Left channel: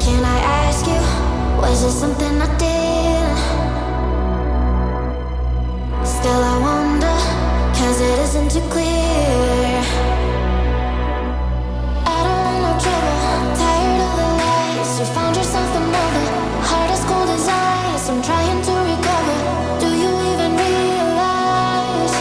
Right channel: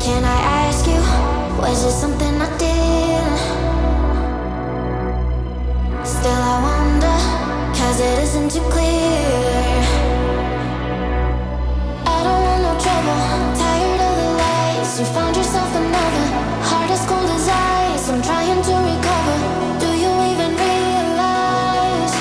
Can I ask you, was it something I did? Still I wonder, cause it isn't too clear. I don't want no trouble, tired of the lies. You found yourself another, heart as cold as ice. I'm trying to recover, do you even realize?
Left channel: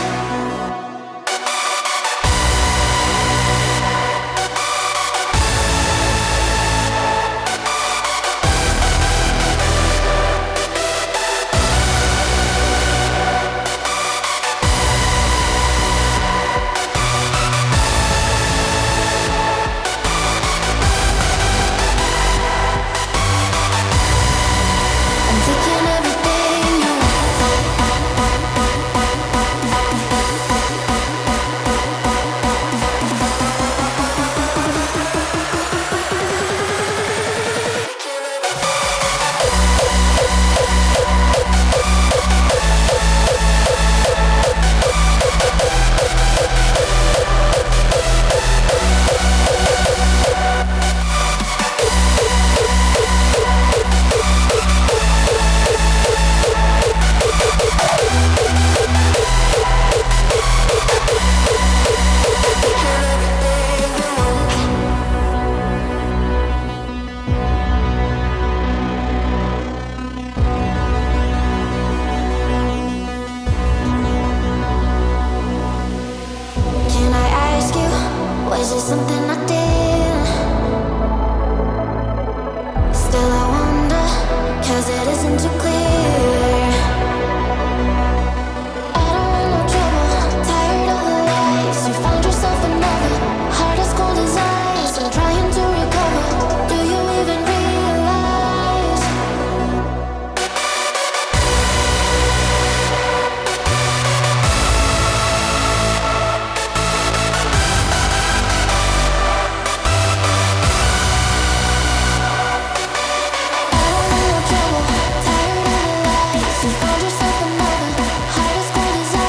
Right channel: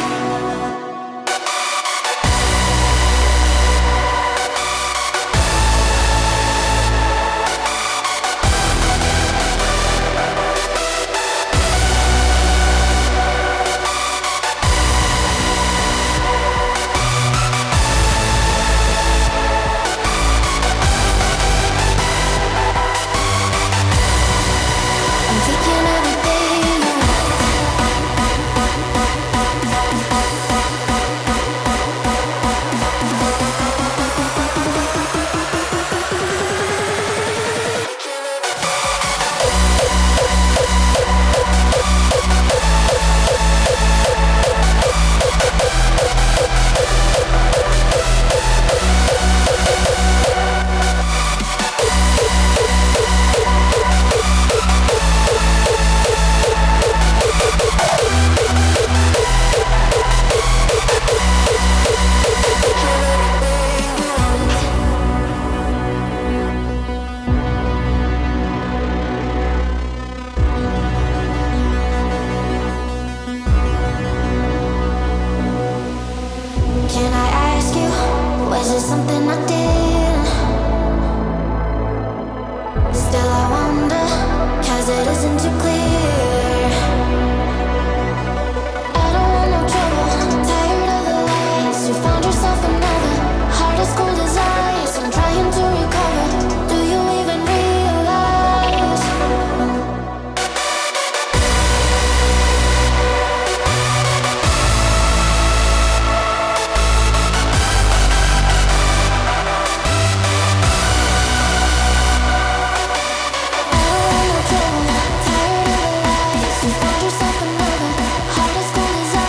I'm thinking everything you Can I ask you, was it something I did? Still I wonder, cause it isn't too clear. I don't want no trouble, tired of the lies. You found yourself another, heart as cold as ice. I'm trying to recover, do you even realize? I don't want no trouble, tired of the lies. You found yourself another, heart as cold as ice.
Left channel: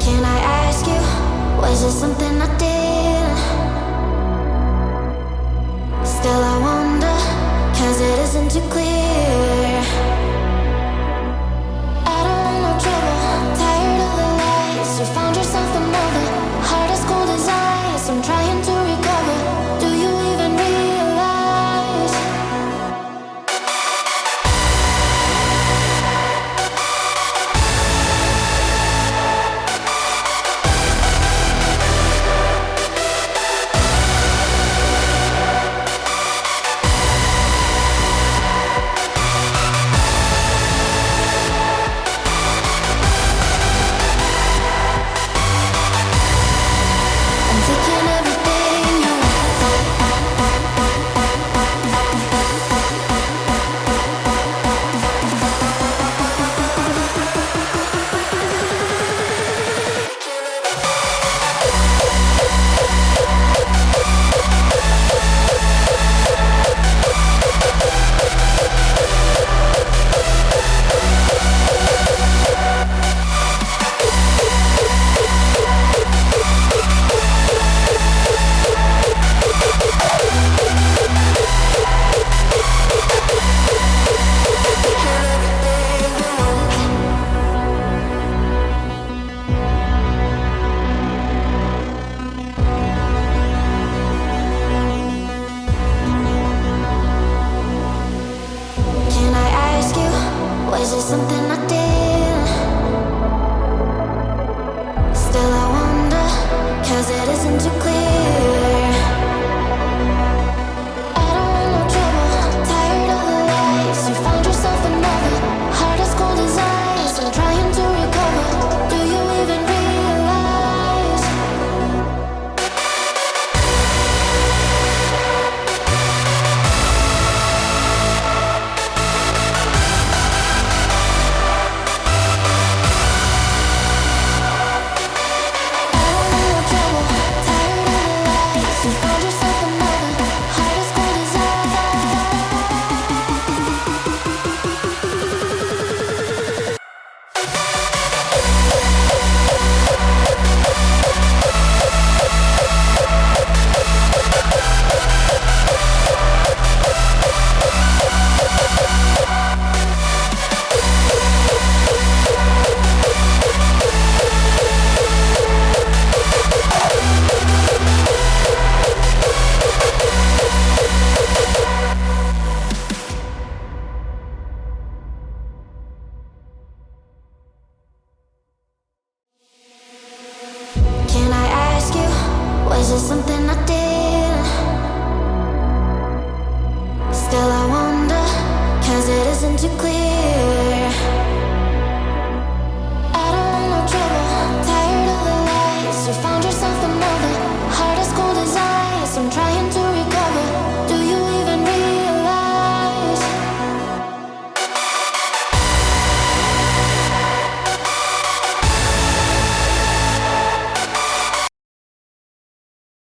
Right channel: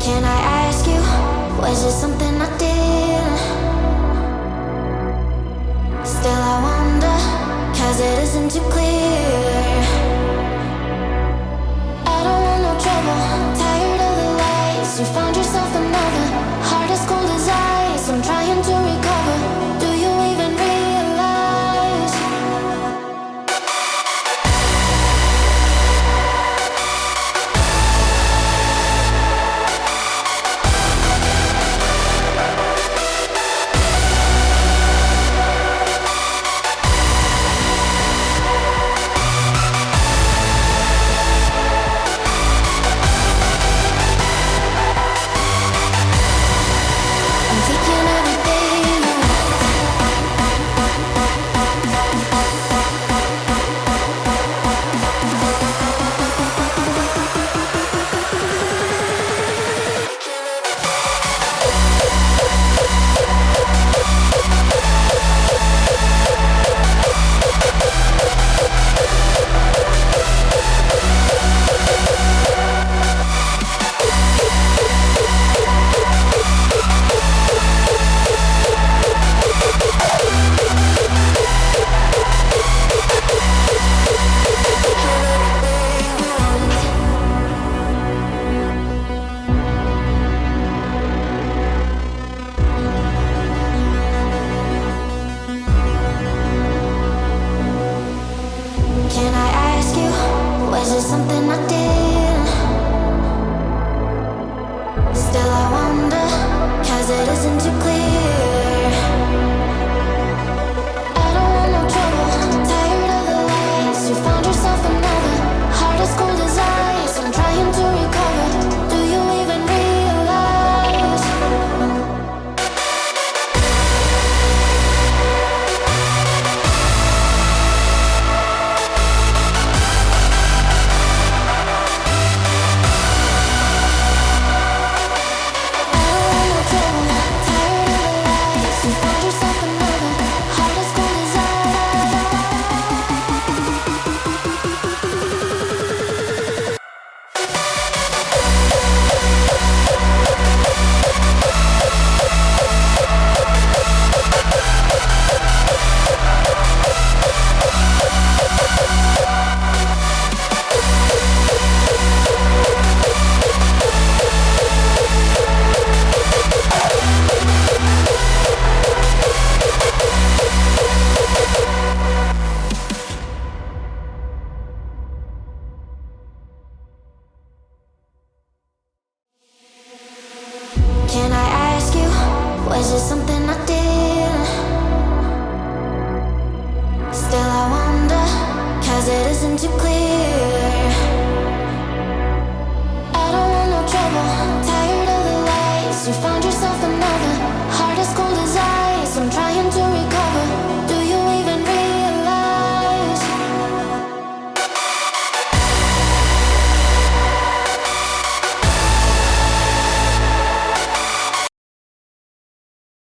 Can I ask you, was it something I did? Still I wonder, cause it isn't too clear. I don't want no trouble, tired of the lies. You found yourself another, heart as cold as ice. I'm trying to recover, do you even realize? I'm thinking everything you Can I ask you, was it something I did? Still I wonder, cause it isn't too clear. I don't want no trouble, tired of the lies. You found yourself another, heart as cold as ice. I'm trying to recover. Can I ask you, was it something I did? Still I wonder, cause it isn't too clear. I don't want no trouble.